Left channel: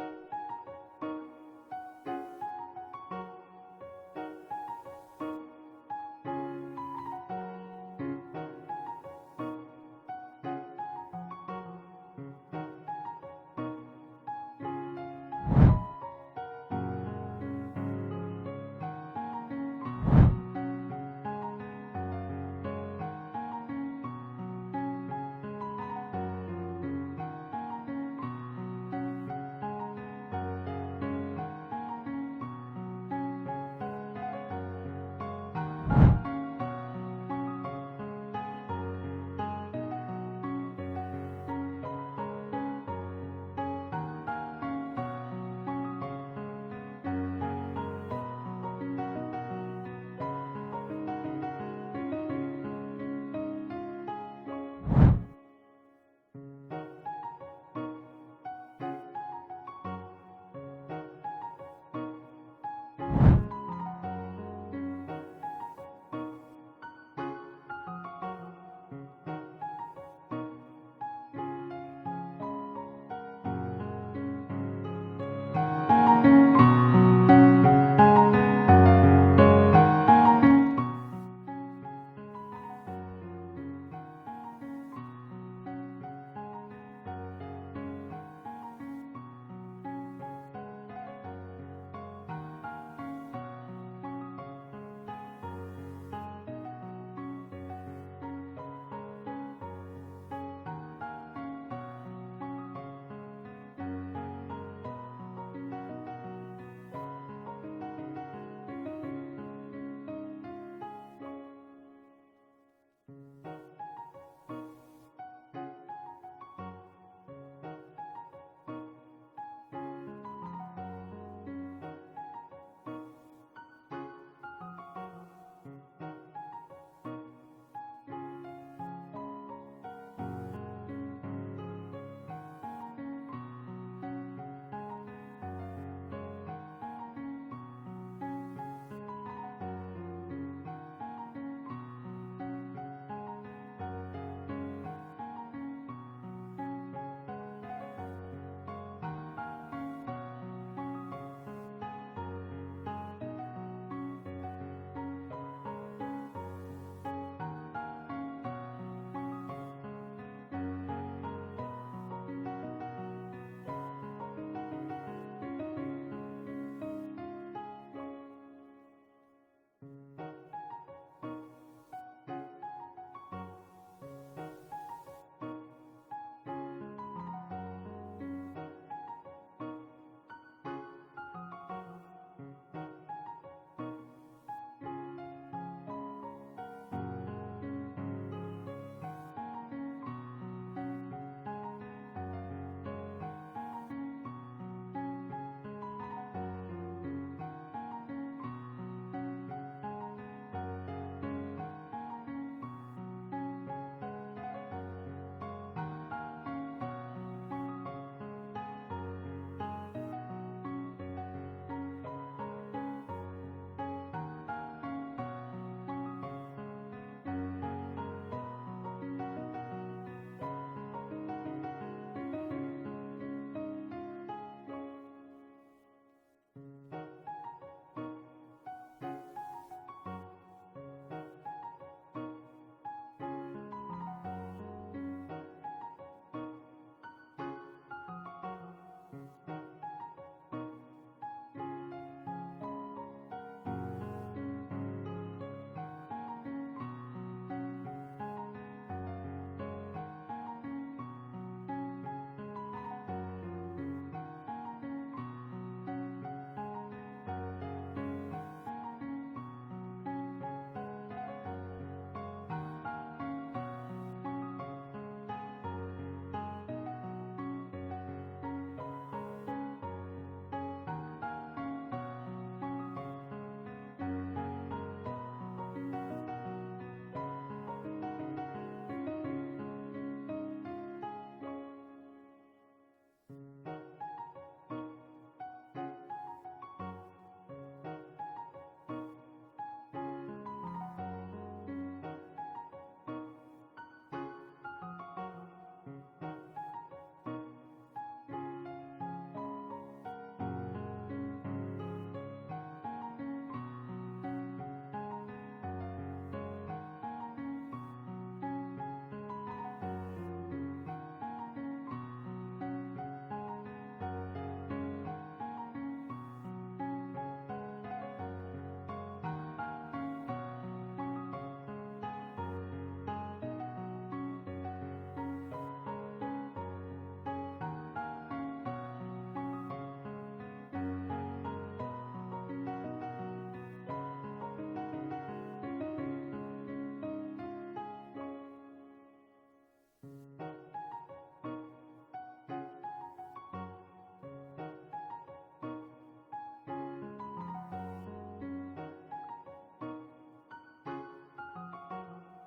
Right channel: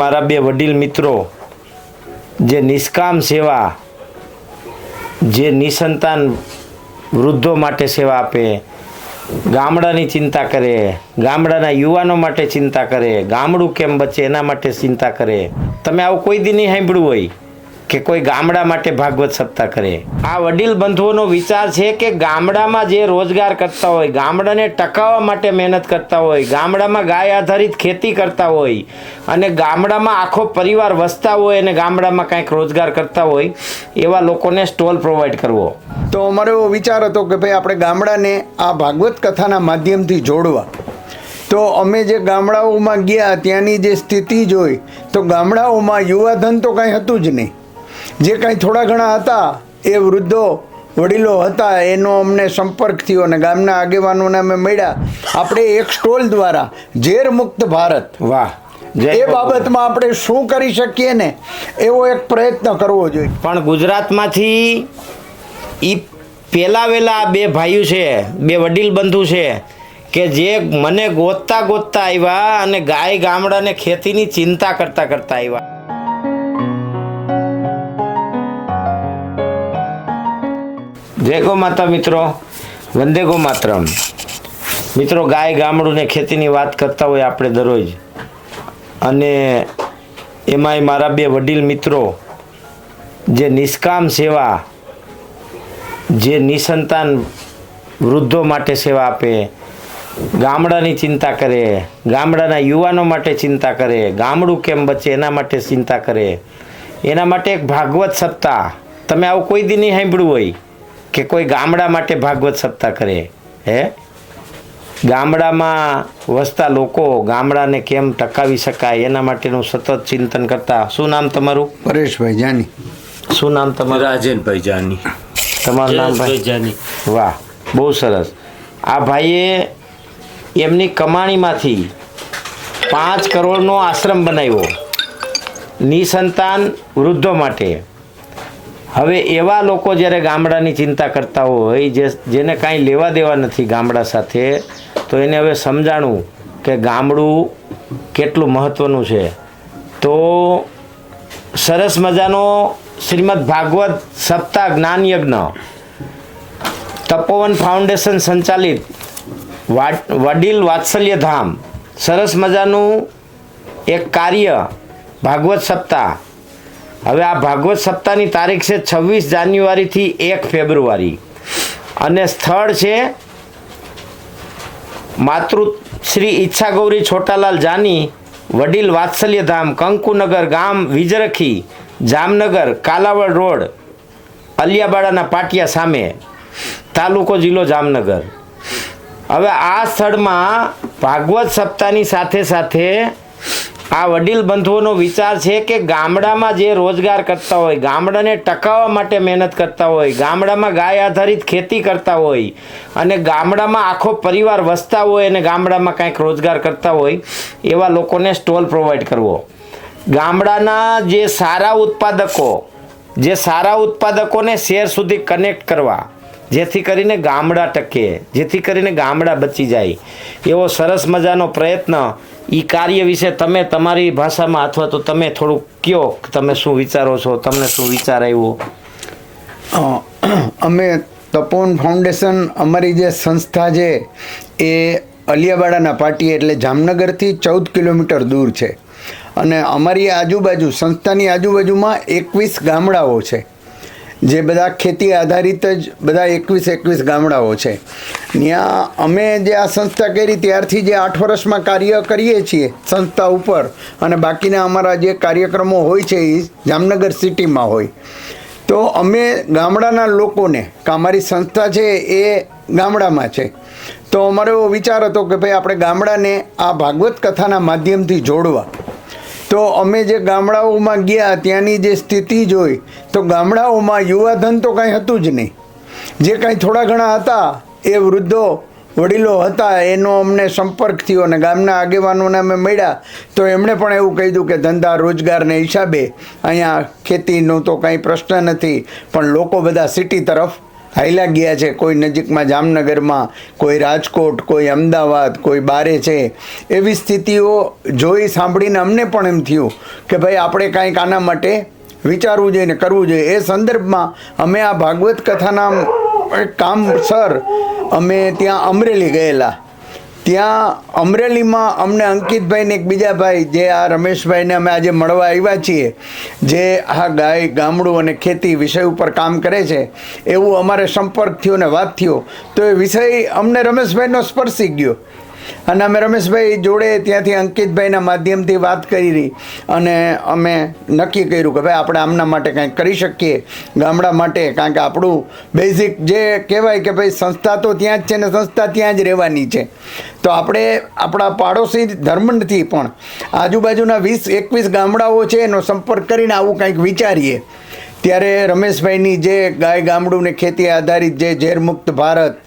મારા બે વડીલ મિત્રો જે નિષ્કામ સેવા, જે નિસંતાન વૃદ્ધો માટે સેવા આપે, ગામડાની ચિંતા કરે, ગામડાના યુવાનો માટે ચિંતા કરે, ગામડું કેમ બચે એના માટે ચિંતા કરે. તમે આવું કોઈ દી નહીં સાંભળ્યું હોય કે કોઈ ગામડા માટે ભાગવત સપ્તાહ કરે. આ વડીલ બંધુઓનો વિચાર છે કે ગામડામાં જે રોજગાર કરતા હોય, ગામડાને ટકાવવા માટે મહેનત કરતા હોય, ગામડામાં ગાય આધારિત ખેતી કરતા હોય અને ગામડામાં આખો પરિવાર વસતા હોય અને ગામડામાં કંઈક રોજગાર કરતા હોય એવા લોકોને સ્ટોલ પ્રોવાઈડ કરવો. તો અમારો એવો વિચાર હતો કે ભાઈ આપણે ગામડાને આ ભાગવત કથાના માધ્યમથી જોડવા. તો અમે જે ગામડાઓમાં ગયા ત્યાંની જે સ્થિતિ જોઈ તો ગામડાઓમાં યુવાધન તો કાંઈ હતું જ નહીં. જે કાંઈ થોડા ઘણા હતા એ વૃદ્ધો વડીલો હતા એનો અમને સંપર્ક થયો અને ગામના આગેવાનોને અમે મળ્યા. આપણે એક સ્ટોલ દ્વારા ઝેર મુક્ત ભારત, વાહ, એ બાબતમાં આપણે શું કરી શકીએ ને એવો એક પ્રયત્ન કરવો જોઈએ. પણ ગુજરાતમાંથી એ પહેલા વહેલા બે ભાઈઓ છે, બે વડીલ બંધુ છે કે જે મને ગોતતા ગોતતા આવ્યા અને ગાય ગામડાને ખેતીની ચિંતા કરતા કરતા આવ્યા. જય ગો માતા મિત્રો, વંદે ગો માતરમ. મિત્રો, ગાય ગામડું ને ખેતીની વાત કરતા હોય આપણે દરરોજ, અને એમાંય મારા બે વડીલ મિત્રો જે નિષ્કામ સેવા, જે નિસંતાન વૃદ્ધો માટે સેવા આપે, ગામડાની ચિંતા કરે, ગામડાના યુવાનો માટે ચિંતા કરે, ગામડું કેમ બચે એના માટે ચિંતા કરે, એના માટે એક ભાગવત સપ્તાહ. તમે આવું કોઈ દી નહીં સાંભળ્યું હોય કે કોઈ ગામડા માટે ભાગવત સપ્તાહ કરે. હે, ગામડામાં વસતા લોકો ગામડાને કેમ ટકાવી શકાય એના માટેનું સતત ચિંતન કરતા. શું નામ તમારું? પરેશભાઈ જાની. શું નામ તમારું? રાજનભાઈ જાની. તમારું નામ ભાઈ? જાની. વાહ, બહુ સરસ. આ ભાઈએ એમની કમાણીમાંથી 5 કરોડનો આશ્રમ બનાવ્યો નિસંતાન વૃદ્ધો માટે. હવે એવા લોકો જ્યારે ગામડાની ચિંતા કરતા હોય, જેને કાંઈ લેવા દેવા નથી ગામડા સાથે, તો એને હવે સમજાણું કે ગામડું કેટલું મહત્ત્વનું છે. તો સરસ મજાનો શ્રીમદ ભાગવત સપ્તાહ જ્ઞાન યજ્ઞ તપોવન ફાઉન્ડેશન સંચાલિત વડીલ વાત્સલ્ય ધામ, સરસ મજાનું એક કાર્ય ભાગવત સપ્તાહ. હવે આ ભાગવત સપ્તાહની તારીખ છે 26 જાન્યુઆરીથી 1 ફેબ્રુઆરી અને સ્થળ છે માતૃશ્રી ઈચ્છા ગૌરી છોટાલાલ જાની વડીલ વાત્સલ્ય ધામ, કંકુનગર ગામ, વિજરખી, જામનગર, કાલાવડ રોડ, અલિયાબાડાના પાટિયા સામે, તાલુકો જિલ્લો જામનગર. હવે આ સ્થળમાં ભાગવત સપ્તાહની સાથે સાથે આ વડીલ બંધુઓનો વિચાર છે કે ગામડામાં જે રોજગાર કરતા હોય, ગામડાને ટકાવવા માટે મહેનત કરતા હોય, ગામડામાં ગાય આધારિત ખેતી કરતા હોય અને ગામડામાં આખો પરિવાર વસતા હોય અને ગામડામાં કંઈક રોજગાર કરતા હોય એવા લોકોને સ્ટોલ પ્રોવાઈડ કરવો. ગામડાના જે સારા ઉત્પાદકોને શહેર સુધી કનેક્ટ કરવા, જેથી કરીને ગામડા ટકે, જેથી કરીને ગામડા બચી જાય, એવો સરસ મજાનો પ્રયત્ન. એ કાર્ય વિશે તમે તમારી ભાષામાં અથવા તો તમે થોડુંક કહો કે તમે શું વિચારો છો, તમને શું વિચાર આવ્યો? અમે તપોવન ફાઉન્ડેશન, અમારી જે સંસ્થા છે એ અલિયાબાડાના પાટી એટલે જામનગરથી 14 કિલોમીટર દૂર છે અને અમારી આજુબાજુ, સંસ્થાની આજુબાજુમાં 21 ગામડાઓ છે જે બધા ખેતી આધારિત જ બધા 21 ગામડાઓ છે. ત્યાં અમે જે આ સંસ્થા કરી ત્યારથી જે 8 વર્ષમાં કાર્ય કરીએ છીએ સંસ્થા ઉપર, અને બાકીના અમારા જે કાર્યક્રમો હોય છે એ જામનગર સિટીમાં હોય. તો અમે ગામડાના લોકોને, કે અમારી સંસ્થા છે એ ગામડામાં છે, તો અમારો એવો વિચાર હતો કે ભાઈ આપણે ગામડાને આ ભાગવત કથાના માધ્યમથી જોડવા. તો અમે જે ગામડાઓમાં ગયા ત્યાંની જે સ્થિતિ જોઈ તો ગામડાઓમાં યુવાધન તો કાંઈ હતું જ નહીં. જે કાંઈ થોડા ઘણા હતા એ વૃદ્ધો વડીલો હતા એનો અમને સંપર્ક થયો અને ગામના આગેવાનોને અમે મળ્યા. તો એમણે પણ એવું કહ્યું કે ધંધા રોજગારને હિસાબે અહીંયા ખેતીનો તો કાંઈ પ્રશ્ન નથી, પણ લોકો બધા સિટી તરફ હાઈલા ગયા છે, કોઈ નજીકમાં જામનગરમાં, કોઈ રાજકોટ, કોઈ અમદાવાદ, કોઈ બારે છે. એવી સ્થિતિઓ જોઈ સાંભળીને અમને પણ એમ થયું કે ભાઈ આપણે કાંઈક આના માટે વિચારવું જોઈએ ને કરવું જોઈએ. એ સંદર્ભમાં અમે આ ભાગવત કથાના કામસર અમે ત્યાં અમરેલી ગયેલા. ત્યાં અમરેલીમાં અમને અંકિતભાઈ ને એક બીજા ભાઈ જે આ રમેશભાઈને અમે આજે મળવા આવ્યા છીએ, જે આ ગાય ગામડું અને ખેતી વિષય ઉપર કામ કરે છે, એવું અમારે સંપર્ક થયો ને વાત થયો. તો એ વિષય અમને રમેશભાઈનો સ્પર્શી ગયો અને અમે રમેશભાઈ જોડે ત્યાંથી અંકિતભાઈના માધ્યમથી વાત કરી અને અમે નક્કી કર્યું કે ભાઈ આપણે આમના માટે કંઈક કરી શકીએ ગામડા માટે. કારણ કે આપણું બેઝિક જે કહેવાય કે ભાઈ સંસ્થા તો ત્યાં જ છે ને સંસ્થા ત્યાં જ રહેવાની છે. તો આપણે આપણા પાડોશી ધર્મથી પણ આજુબાજુના 20-21 ગામડાઓ છે એનો સંપર્ક કરીને આવું કંઈક વિચારીએ. ત્યારે રમેશભાઈની જે ગાય ગામડું ને ખેતી આધારિત જે ઝેરમુક્ત ભારત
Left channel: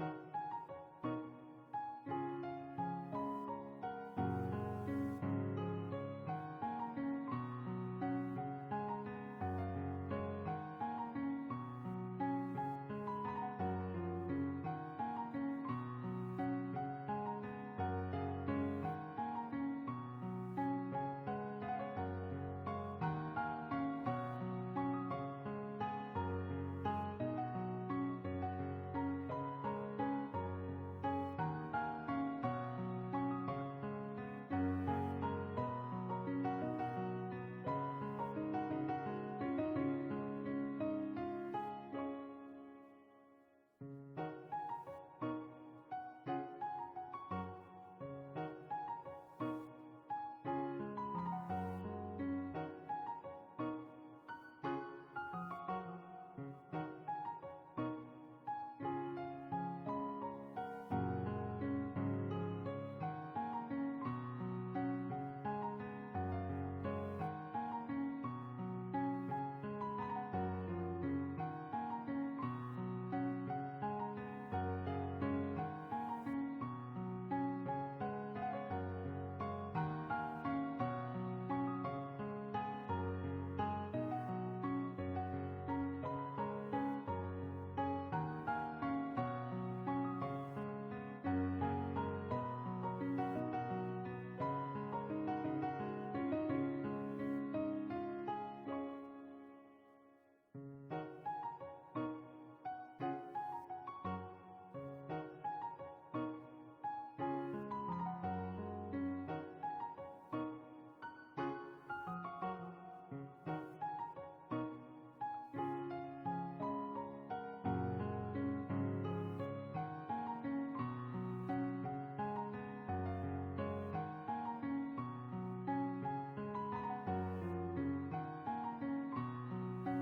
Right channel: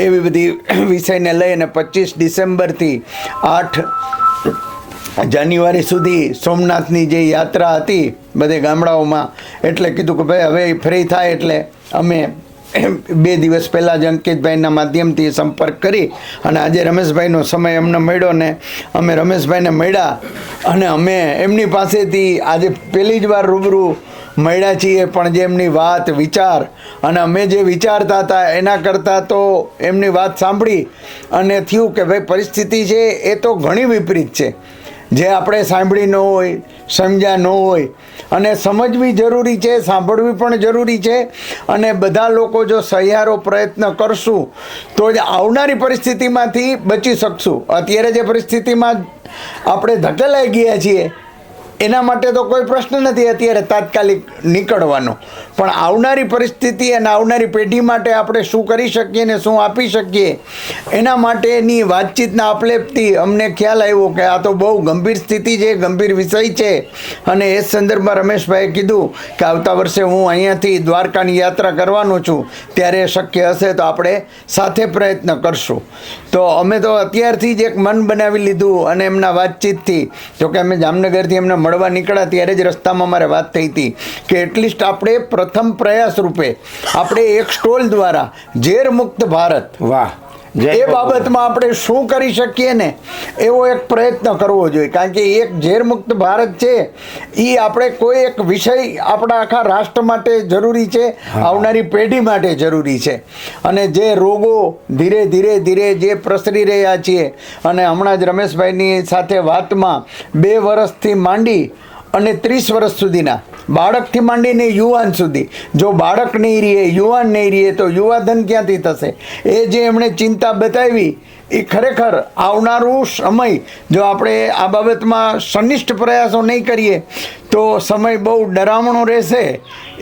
એવી બધી વિષયને લઈ અને 25 ડિસેમ્બરથી 8 જાન્યુઆરી સુધી સોમનાથની જે યાત્રા હતી બધે ગામડાઓમાં, એટલે કીધું કે ભાઈ હવે ફ્રી થાય એટલે અમે 2 દિવસ પહેલાં જ અંકિતભાઈના માધ્યમથી સંપર્ક કરી અને આજે રમેશભાઈનો સમય અમને મળ્યો ને અમે રમેશભાઈને મળ્યા અને અમે એમની પાસેથી આજે પહેલી જ વાર રૂબરૂ મળ્યા છીએ. પણ જે એમની વાત વિચાર અને અમે જે વિચારતા હતા એના કરતાં તો એમની વાત સાંભળી અને થયું કે ભાઈ પરિસ્થિતિ છે એ તો ઘણી વિપરીત છે, જે આપણે સાંભળી ન હોય, સમજ્યા ન હોય. અને સમજવી જરૂરી છે, સાંભળવી પણ જરૂરી છે. અને બધા લોકો જો સહિયારો પ્રયત્ન કરશું તો જ આવનારી પરિસ્થિતિમાંથી બચી શકશું. અત્યારે જે પરિસ્થિતિમાં આપણે ધકેલાઈ ગયા છીએ એના માટે તો કોઈ પ્રશ્ન નથી અત્યારે તાત્કાલિક નીકળવાનો, પણ આવનારી પરિસ્થિતિ અને આવનારી પેઢી માટે આપણે શું કરી શકીએ ને શું આપી શકીએ એના માટેની વાતચીતના આપલેપથી અમને ખ્યાલ આવ્યો કે આ તો બહુ ગંભીર સ્થિતિ છે, ગંભીર વિષય છે. અને એ સંદર્ભમાં રમેશભાઈએ કીધું કે આવતા વર્ષે હું અહીંયાથી દ્વારકાની યાત્રા કરવાનો છું, ત્યારે શક્ય હશે તો આપણે સાથે પ્રયત્ન કરશું. તો અમે તો અત્યારથી જ એક મન બનાવી લીધું અને એમના વાતચીતથી, જોકે અમે જામનગરથી એમને મળવા નીકળ્યા ત્યારે જ રસ્તામાં મારે વાત થઈ હતી કે એટલીસ્ટ આપણે પ્રથમ પ્રયાસ રૂપે આપણે એક સ્ટોલ દ્વારા ઝેર મુક્ત ભારત, વાહ, એ બાબતમાં આપણે શું કરી શકીએ ને એવો એક પ્રયત્ન કરવો જોઈએ. કારણ કે એક ઝેર મુક્ત ભારત છે એ આપણે કોઈ એક વિષય આપણા આખા રાષ્ટ્ર માટે જરૂરી છે, આવનારી પેઢી માટે જરૂરી છે. અને જે રોગો ધીરે ધીરે ધીરે જે પ્રસરી રહ્યા છીએ અને હમણાં જ રમેશભાઈની સાથે વાતમાં 2 વર્ષથી માંડી અને 30 વર્ષ સુધીના બાળકથી માંડીને યુવાન સુધી, જો બાળક નહીં રહીએ, યુવાન નહીં રહીએ તો યુવાધન ક્યાંથી થશે? એ જે એમણે ચિંતા બતાવી એ ખરેખર આવનારું સમય જો આપણે આ બાબતમાં સનિષ્ઠ પ્રયાસો નહીં કરીએ તો સમય બહુ ડરામણો રહેશે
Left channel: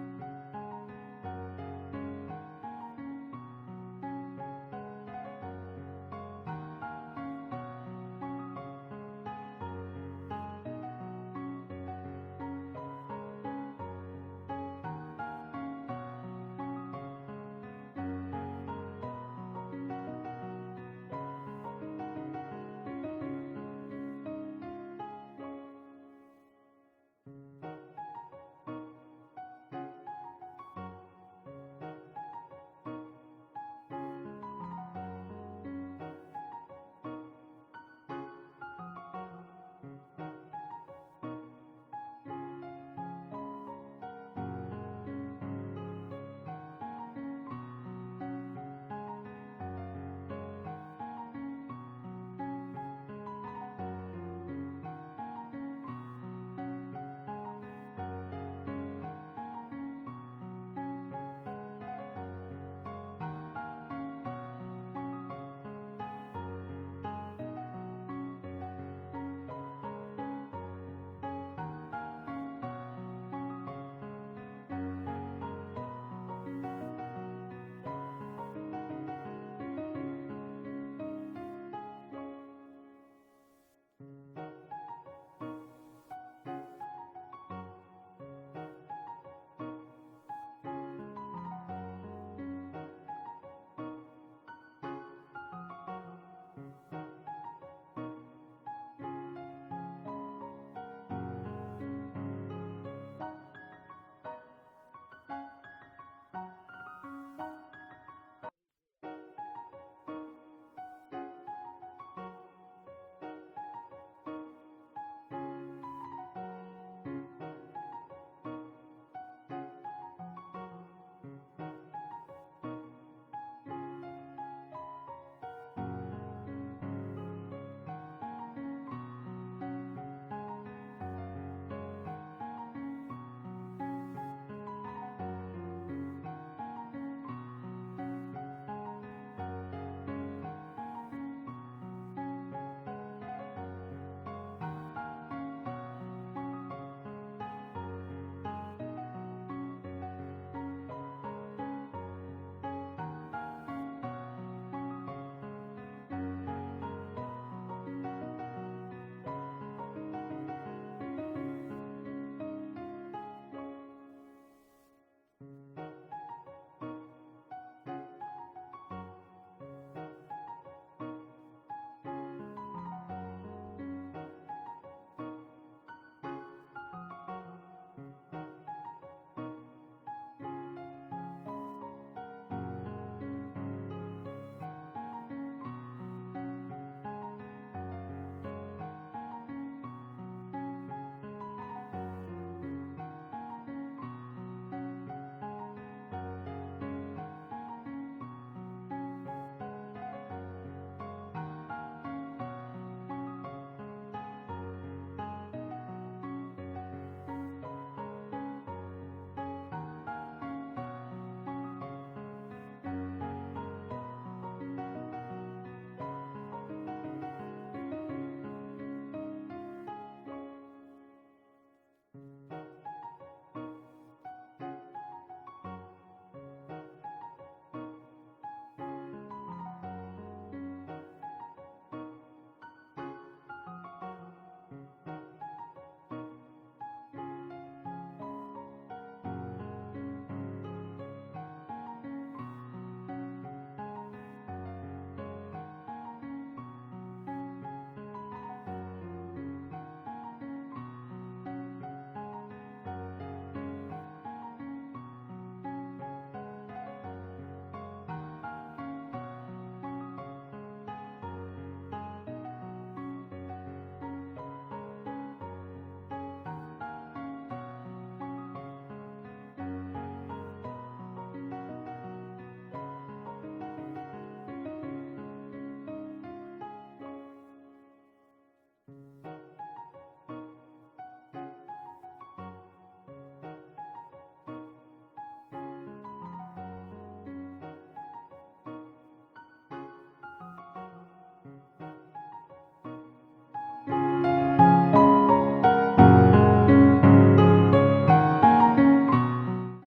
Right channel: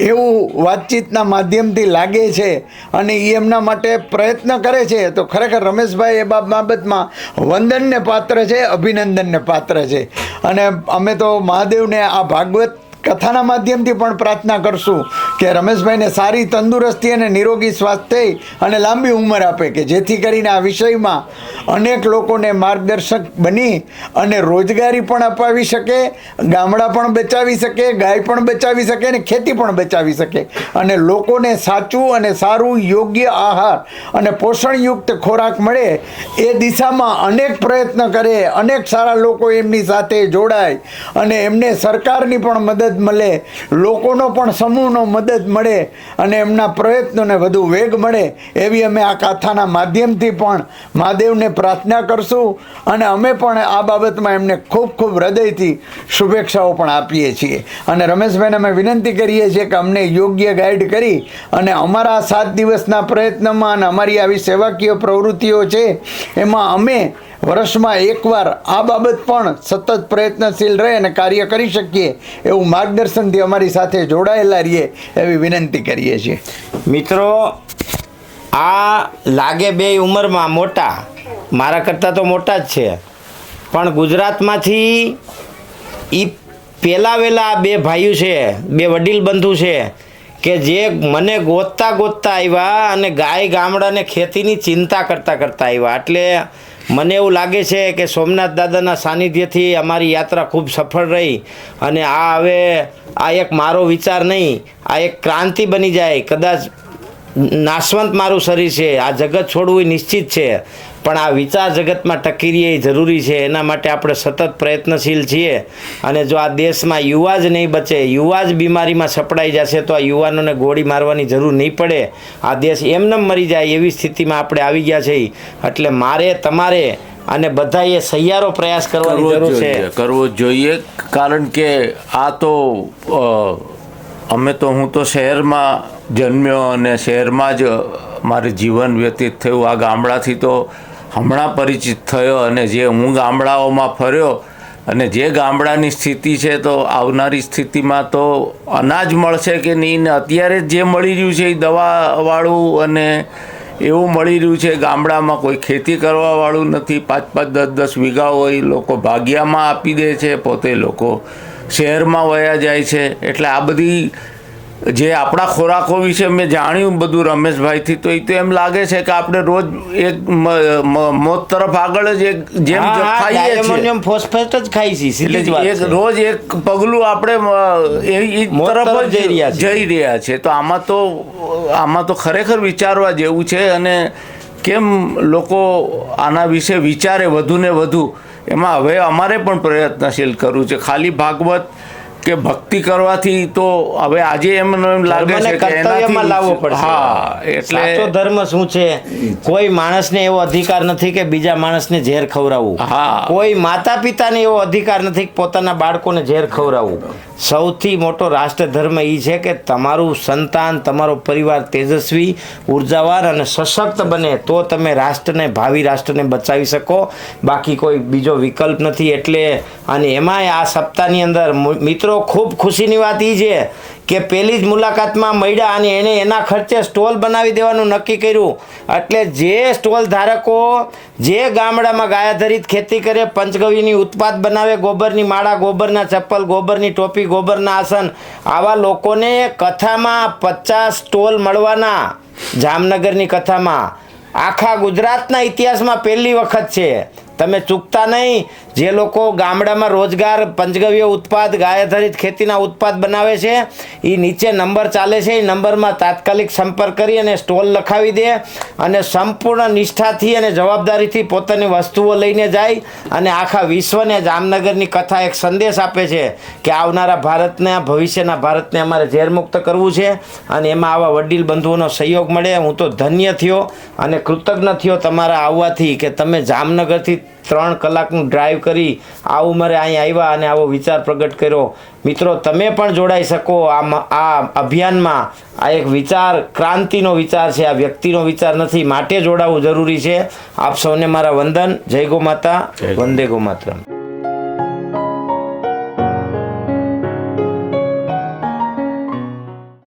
એવું વાતચીતના માધ્યમથી લાગે છે. અને એ એમના માટે પ્રયત્ન કરે છે તો ખરેખર રમેશભાઈ એ બાબતમાં વંદનને પાત્ર છે, અભિનંદનને પાત્ર છે. અને અમે તો મહાદેવને આ ભાગવત કથાના માધ્યમથી પણ પ્રાર્થના કરશું કે રમેશભાઈને સારી તંદુરસ્તી અને નિરોગી સ્વાસ્થ્ય અને લાંબી ઉંમર આપે, કે જેથી કરીને આ વિષયમાં અનેક લોકોને માર્ગદર્શક બની અને રોજગારી પણ અપાવી શકે, ગામડા પણ બચાવી શકે, ગાય પણ બચાવી શકે અને ખેતી પણ બચાવી શકે. અને લોકોને સાચું અને સારું યોગ્ય આહાર અને પોષણયુક્ત ખોરાક મળે એ દિશામાં અનેક પ્રયત્ન કરે, અનેક સારા લોકો એમની સાથે જોડાય અને એમને સરકારની પણ મદદ મળે, લોકોનો પણ સમૂહનો મદદ મળે અને એમના પ્રયત્નોને વધુ વેગ મળે એવી અમે આ કથાના માધ્યમથી પણ મહાદેવને પ્રાર્થના કરશું. અને અમે પણ આ બાબતમાં એમને ખૂબ ખૂબ હૃદયથી શુભેચ્છાઓ પણ આપીએ છીએ. અને રમેશભાઈને અમે વિનંતી કરીએ છીએ કે અમને યોગ્ય ગાઈડ કરી અને અમારા 7 દિવસના પ્રયત્નમાં અને અમારી આવી સેવાકીય પ્રવૃત્તિઓ છે એમાં અમે વર્ષમાં એકવાર આ બાબત પણ સતત પ્રયત્નશીલ રહે અને કાર્ય કરી શકીએ એવું માર્ગદર્શનથી અમારી સાથે જોડાયેલા રહીએ એવી વિનંતી કરીએ છીએ. મિત્રો, આ લાગે 2 ઉંમરમાં મોટા, મારા કરતાં તો મોટા જ છે, પણ ગુજરાતમાંથી એ પહેલાં વહેલા 2 ભાઈઓ છે, 2 વડીલ બંધુ છે કે જે મને ગોતતા આવ્યા અને ગાય ગામડાને ખેતીની ચિંતા કરતાં આવ્યા. એટલે મને એવું લાગે છે કે સોમનાથ દાદાના સાનિધ્યથી અમારી યાત્રા ખૂબ સફળ રહી અને આ હવે આ એક મારો વિચાર નહીં, આ એક ક્રાંતિ બની જાય. કદાચ નાશવંત મારું શરીર છે, આ જગત છોડવું એ નિશ્ચિત છે, પણ આ વિચાર જગતમાં ટકી રહે એ જરૂરી છે. એના માટે આપણે સતત પ્રયત્નશીલ છીએ. અને જો આ દેશમાં યુવા જ નહીં બચે, યુવા જ બીમારીમાં સપડાઈ જશે, તો આ યુવાનોને ગોળી મારવાની જરૂર નહીં પડે. આ દેશ એમને મરી જાય એવી સ્થિતિમાં આપણે આવી ગયા છીએ. એટલે મારે, તમારે અને બધાએ સહિયારો પ્રયાસ કરવાની જરૂર છે. કરવો જોઈએ. કારણ કે આ તો હું તો શહેરમાં જન્મ્યો અને શહેરમાં જ મારું જીવન વ્યતીત થયું. આ ગામડાથી તો હમણાં પરિચિત થયો, અને જે હું ગામડાઓમાં ફર્યો અને જે ગામડાની સ્થિતિ છે, તો આવનારી સ્થિતિમાં તો અનાજ મળશે કે નહીં, ને અત્યારે જે મળી રહ્યું છે એ દવાવાળું અને એવું મળી રહ્યું છે. ગામડામાં કોઈ ખેતી કરવાવાળું નથી. 5-5, 10-10 વીઘા હોય, લોકો ભાગિયામાં આપી દે છે, પોતે લોકો શહેરમાં વયા જાય છે. એટલે આ બધી જે આપણા ખોરાકો વિશે મેં જાણ્યું બધું રમેશભાઈથી, તો એ તો એમ લાગે છે કે આપણે રોજ એક મોત તરફ આગળ જ જેમ ખાઈએ છીએ, એમોનિયમ ફોસ્ફેટ જ ખાઈ છીએ, સીધી જ વાત છે. રોજ એક પગલું આપણે એ તરફ જ જઈ રહ્યા છે. તો આમાં તો ખરેખર વિચારવા જેવું છે. અને કેમ લોકો આના વિશે વિચારે વધુ ને વધુ, એમાં હવે અમારે પણ પ્રયત્નશીલ કરવું છે. ખાલી ભાગવત કે ભક્તિ કરવાથી તો હવે આજે એમ લાગે છે કે કર્તવ્યમાં લાવવો પડશે. હા, એટલે સાચો ધર્મ શું છે? કોઈ માણસને એવો અધિકાર નથી કે બીજા માણસને ઝેર ખવડાવવું. હા. કોઈ માતા પિતાને એવો અધિકાર નથી કે પોતાના બાળકોને ઝેર ખવડાવવું. સૌથી મોટો રાષ્ટ્ર ધર્મ એ છે કે તમારું સંતાન, તમારો પરિવાર તેજસ્વી, ઉર્જાવાન અને સશક્ત બને, તો તમે રાષ્ટ્રને, ભાવિ રાષ્ટ્રને બચાવી શકો. બાકી કોઈ બીજો વિકલ્પ નથી. એટલે અને એમાંય આ સપ્તાહની અંદર મિત્રો ખૂબ ખુશીની વાત એ છે કે પહેલી જ મુલાકાતમાં મળ્યા અને એણે એના ખર્ચે સ્ટોલ બનાવી દેવાનું નક્કી કર્યું. એટલે જે સ્ટોલ ધારકો જે ગામડામાં ગાયાધરિત ખેતી કરે, પંચગવ્યની ઉત્પાદ બનાવે, ગોબરની માળા, ગોબરના ચપ્પલ, ગોબરની ટોપી, ગોબરના આસન, આવા લોકોને કથામાં 50 સ્ટોલ મળવાના. જામનગરની કથામાં આખા ગુજરાતના ઇતિહાસમાં પહેલી વખત છે. તમે ચૂકતા નહીં. જે લોકો ગામડામાં રોજગાર, પંચગવ્ય ઉત્પાદ, ગાયાધારિત ખેતીના ઉત્પાદ બનાવે છે, એ નીચે નંબર ચાલે છે, એ નંબરમાં તાત્કાલિક સંપર્ક કરી અને સ્ટોલ લખાવી દે અને સંપૂર્ણ નિષ્ઠાથી અને જવાબદારીથી પોતાની વસ્તુઓ લઈને જાય અને આખા વિશ્વને જામનગરની કથા એક સંદેશ આપે છે કે આવનારા ભારતને, ભવિષ્યના ભારતને અમારે ઝેરમુક્ત કરવું છે. અને એમાં આવા વડીલ બંધુઓનો સહયોગ મળે. હું તો ધન્ય થયો અને કૃતજ્ઞ થયો તમારા આવવાથી, કે તમે જામનગરથી 3 કલાકનું ડ્રાઈવ કરી આ ઉંમરે અહીં આવ્યા અને આવો વિચાર પ્રગટ કર્યો. મિત્રો, તમે પણ જોડાઈ શકો આ અભિયાનમાં. આ એક વિચાર, ક્રાંતિનો વિચાર છે, આ વ્યક્તિનો વિચાર નથી. માટે જોડાવું જરૂરી છે. આપ સૌને મારા વંદન. જય ગો માતા, વંદે ગો માતરમ.